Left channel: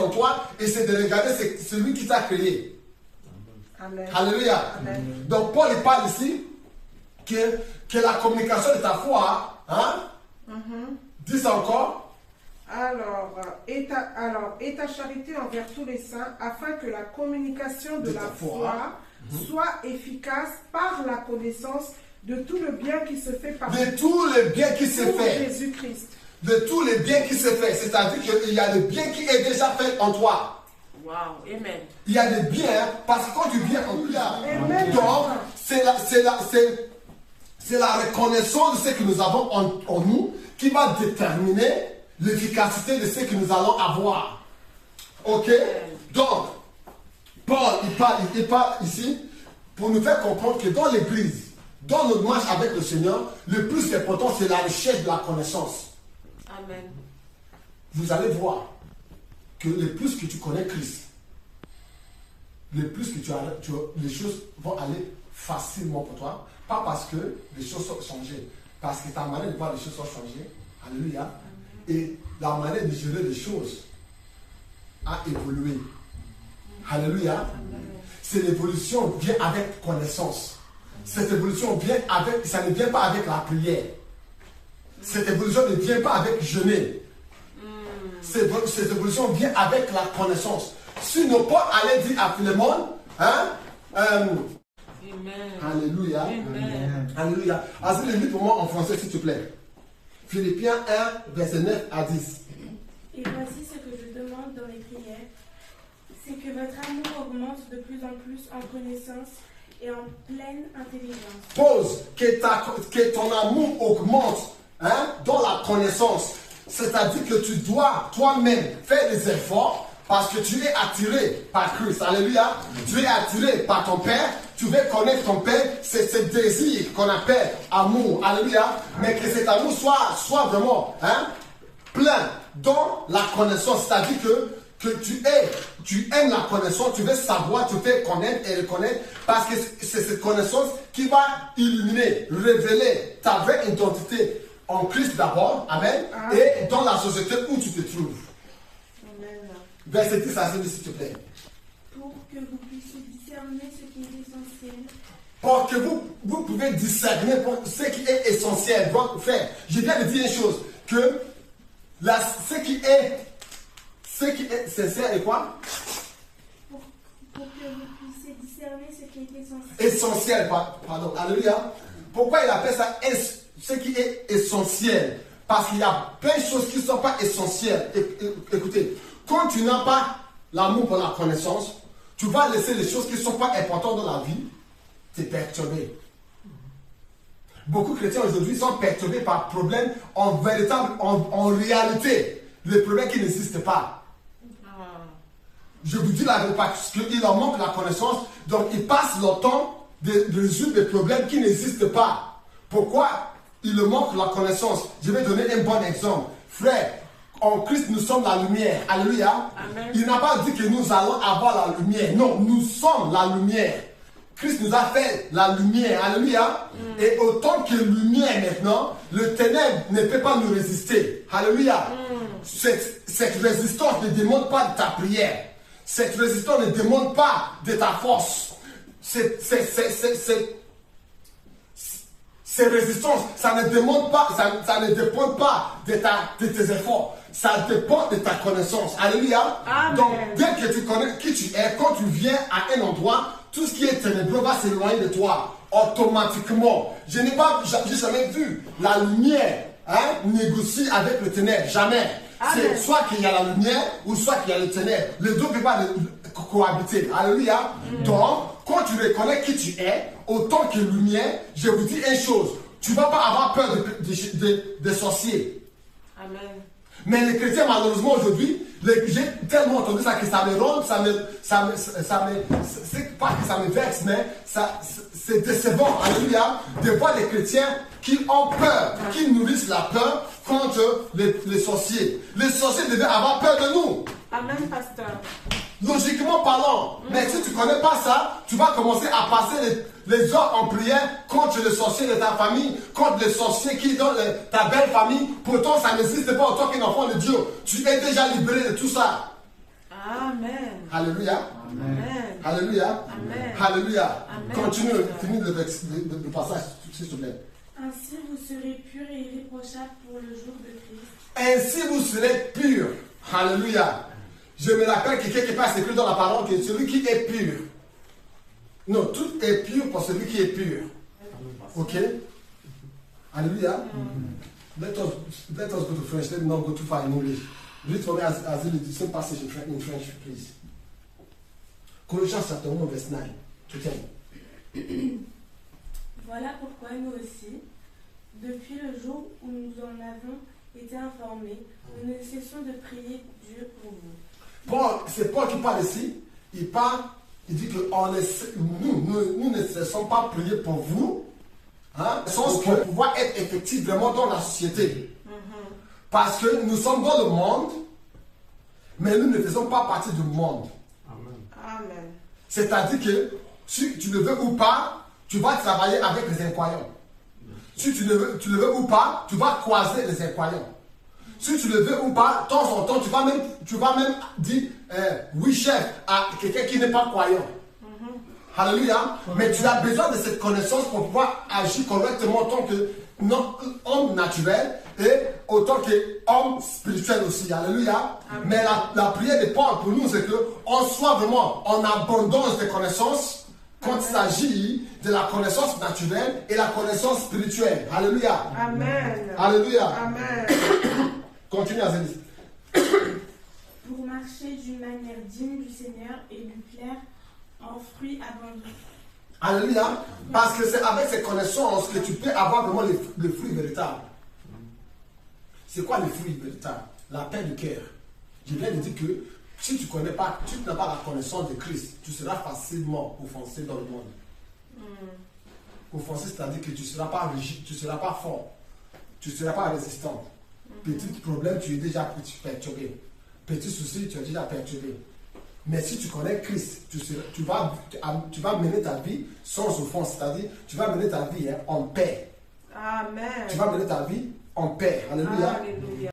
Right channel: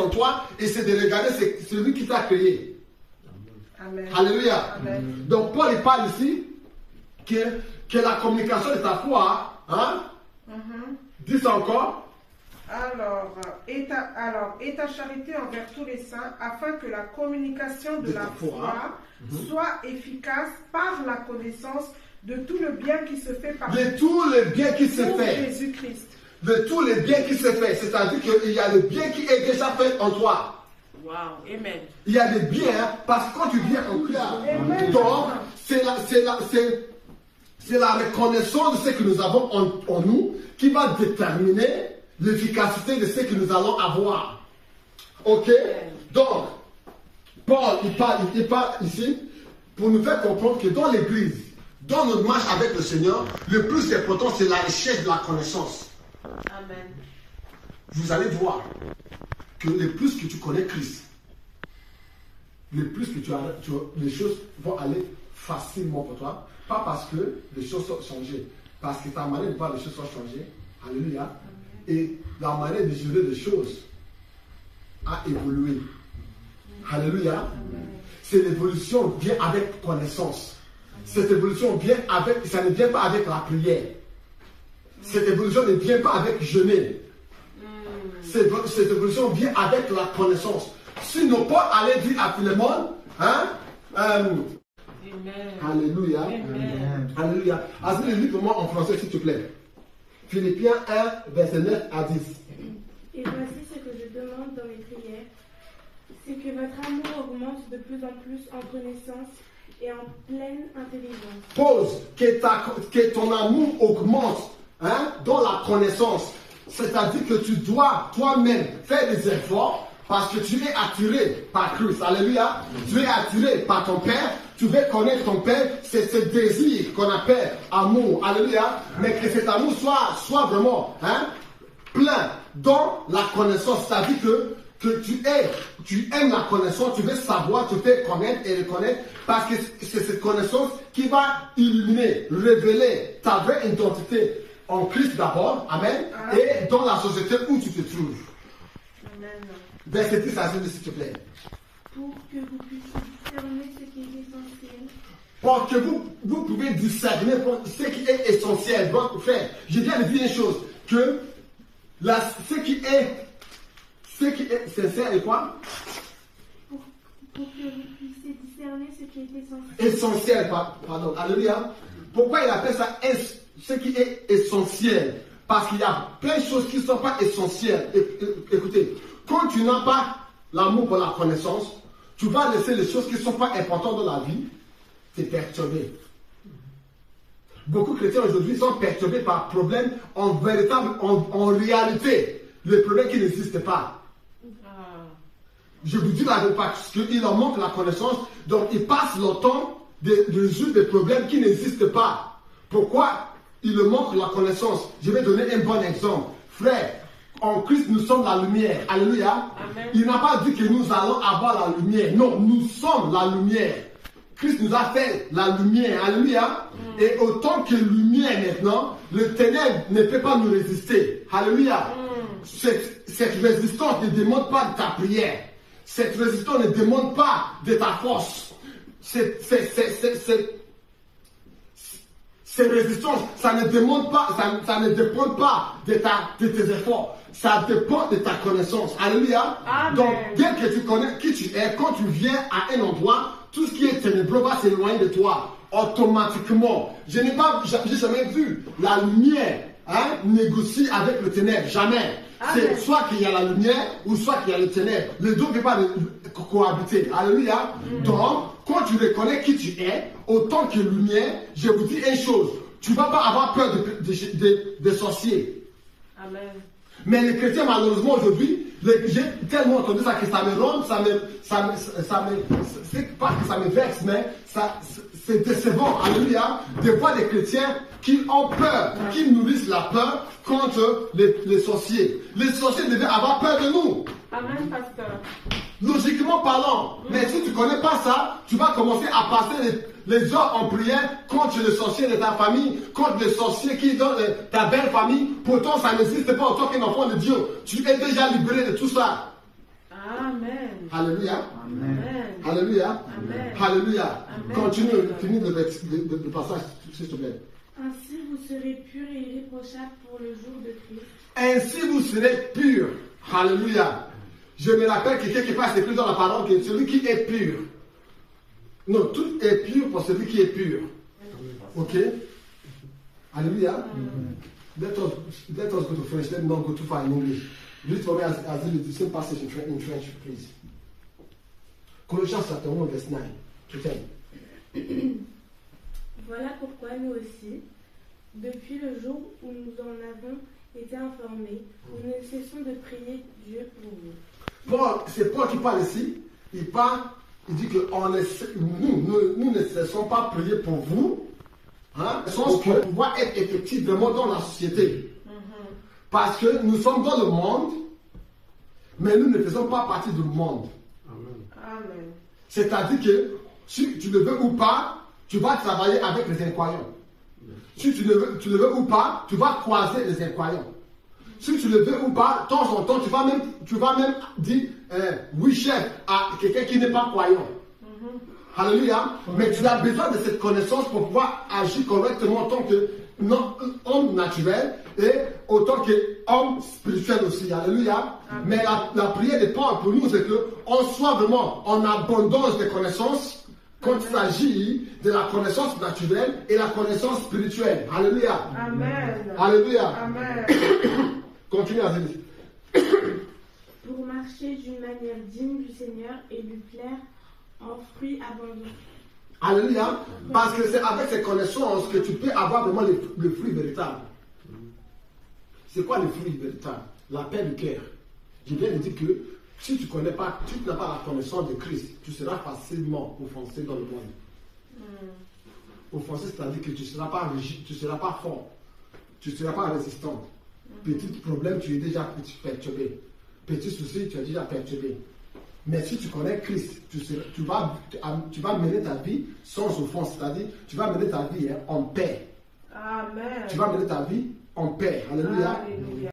en toi et c'est de regarder c'est lui qui t'a créé. Amen. Alléluia. Amen. Donc Paul il parle ici que la communication de ta foi, hein? Dis ça encore. Alors, et ta charité envers tous les saints, afin que la communication de la foi soit efficace par la connaissance de tout le bien qui se fait par De tout le bien qui se fait. Jésus-Christ. De tout le bien qui se fait. C'est-à-dire qu'il y a le bien qui est déjà fait en toi. Wow, amen. Il y a des biens, parce que quand tu viens en Christ, donc c'est la reconnaissance de ce que nous avons en nous qui va déterminer l'efficacité de ce que nous allons avoir. Ok? Donc, Paul, il parle ici pour nous faire comprendre que dans l'église, dans notre marche avec le Seigneur, le plus important, c'est la recherche de la connaissance. Amen. Vous allez voir que le plus que tu connais Christ, le plus que les choses vont aller facilement pour toi. Pas parce que les choses sont changées, parce que ta manière de voir les choses sont changées. Alléluia. Et la manière de gérer les choses a évolué. Alléluia. C'est l'évolution vient avec connaissance. Cette évolution vient avec, ça ne vient pas avec la prière. Cette évolution ne vient pas avec jeûner. Cette évolution vient avec la connaissance. Si nos pas allaient dire à Philémon, hein? Alléluia. Amen. Alléluia. As-tu lu pour moi en français, s'il te plaît? Philippiens 1, verset 9 à 10. Et voici ce que je demande dans mes prières, c'est que votre amour augmente de plus en plus en connaissance et en pleine intelligence. Pose que ton amour augmente, hein, dans la connaissance. C'est-à-dire que tu dois toi-même faire des efforts parce que tu es attiré par Christ. Alléluia. Tu es attiré par ton Père. Tu veux connaître ton Père. C'est ce désir qu'on appelle amour. Alléluia. Mais que cet amour soit vraiment, hein, plein dans la connaissance. C'est-à-dire que tu aimes la connaissance, tu veux savoir, tu veux connaître et reconnaître, parce que c'est cette connaissance qui va illuminer, révéler ta vraie identité en Christ d'abord, amen, et dans la société où tu te trouves. Amen. Verset 10 à 10, s'il te plaît. Pour que vous puissiez discerner ce qui est essentiel. Pour que vous pouvez discerner ce qui est essentiel. Donc, frère, je viens de dire une chose, que ce qui est sincère et quoi? Pour que vous puissiez discerner ce qui est essentiel. Essentiel, pardon, alléluia. Pourquoi il appelle ça ce qui est essentiel? Parce qu'il y a plein de choses qui ne sont pas essentielles. Écoutez, quand tu n'as pas l'amour pour la connaissance, tu vas laisser les choses qui ne sont pas importantes dans la vie te perturber. Beaucoup de chrétiens aujourd'hui sont perturbés par problèmes en réalité, les problèmes qui n'existent pas. Je vous dis la vérité parce qu'il leur manque la connaissance, donc ils passent leur temps de résoudre des problèmes qui n'existent pas. Pourquoi il leur manque la connaissance? Je vais donner un bon exemple. Frère, en Christ nous sommes la lumière. Alléluia. Amen. Il n'a pas dit que nous allons avoir la lumière. Non, nous sommes la lumière. Christ nous a fait la lumière. Alléluia. Et autant que lumière maintenant, le ténèbre ne peut pas nous résister. Alléluia. Cette résistance ne demande pas de ta prière. Cette résistance ne demande pas de ta force. Ces résistances, ça ne dépend pas de tes efforts. Ça dépend de ta connaissance. Alléluia. Amen. Donc, dès que tu connais qui tu es, quand tu viens à un endroit, tout ce qui est ténébreux va s'éloigner de toi automatiquement. Je n'ai jamais vu la lumière, hein, négocier avec le ténèbre. Jamais. C'est soit qu'il y a la lumière ou soit qu'il y a les ténèbres. Les deux ne peuvent pas cohabiter. Alléluia. Donc, quand tu reconnais qui tu es, autant que lumière, je vous dis une chose. Tu ne vas pas avoir peur des sorciers. Amen. Mais les chrétiens, malheureusement, aujourd'hui, j'ai tellement entendu ça que ça me ronde, c'est pas que ça me vexe, mais c'est décevant, alléluia, de voir des chrétiens qui ont peur, qui nourrissent la peur contre les sorciers. Les sorciers devaient avoir peur de nous. Amen, pasteur. Logiquement parlant. Mais si tu ne connais pas ça, tu vas commencer à passer les heures en prière contre le sorcier de ta famille, contre le sorcier qui est dans ta belle famille. Pourtant, ça n'existe pas en tant qu'un enfant de Dieu. Tu es déjà libéré de tout ça. Amen. Amen. Alléluia. Amen. Alléluia. Amen. Alléluia. Amen. Continue, finis le passage, s'il te plaît. Ainsi vous serez purs et irréprochables pour le jour de Christ. Ainsi vous serez purs. Alléluia. Je me rappelle que quelque part c'est écrit dans la parole que celui qui est pur. Non, tout est pur pour celui qui est pur. Ok? Alléluia. Let us go to French. Let me not go too far in English. Read for me as the same passage in French, please. Colossians chapter 1, verse 9 to 10. Voilà pourquoi nous aussi, depuis le jour où nous en avons été informés, nous ne cessons de prier Dieu pour vous. C'est Paul qui parle ici. Il dit que nous ne cessons pas prier pour vous, hein, pour pouvoir être effectifs vraiment dans la société. Parce que nous sommes dans le monde, mais nous ne faisons pas partie du monde. Amen. C'est-à-dire que si tu le veux ou pas, tu vas travailler avec les incroyants. Si tu le veux ou pas, tu vas croiser les incroyants. Si tu le veux ou pas, de temps en temps, tu vas même dire oui chef à quelqu'un qui n'est pas croyant. Alléluia. Mais tu as besoin de cette connaissance pour pouvoir agir correctement en tant qu'homme naturel et autant qu'homme spirituel aussi. Alléluia. Mais la prière de Paul pour nous, c'est qu'on soit vraiment en abondance de connaissances quand il s'agit de la connaissance naturelle et la connaissance spirituelle. Alléluia. Amen. Alléluia. Amen. Continue, Azélis. Pour marcher d'une manière digne du Seigneur et lui plaire en fruits abondants. Alléluia. Parce que c'est avec ces connaissances que tu peux avoir vraiment le fruit véritable. C'est quoi le fruit véritable? La paix du cœur. Je viens de dire que si tu n'as pas la connaissance de Christ, tu seras facilement offensé dans le monde. Offensé, c'est-à-dire que tu ne seras pas rigide, tu ne seras pas fort, tu ne seras pas résistant. Petit problème, tu es déjà perturbé. Petit souci, tu es déjà perturbé. Mais si tu connais Christ, tu vas mener ta vie sans offense, c'est-à-dire tu vas mener ta vie en paix. Amen. Tu vas mener ta vie en paix. Alléluia. Alléluia.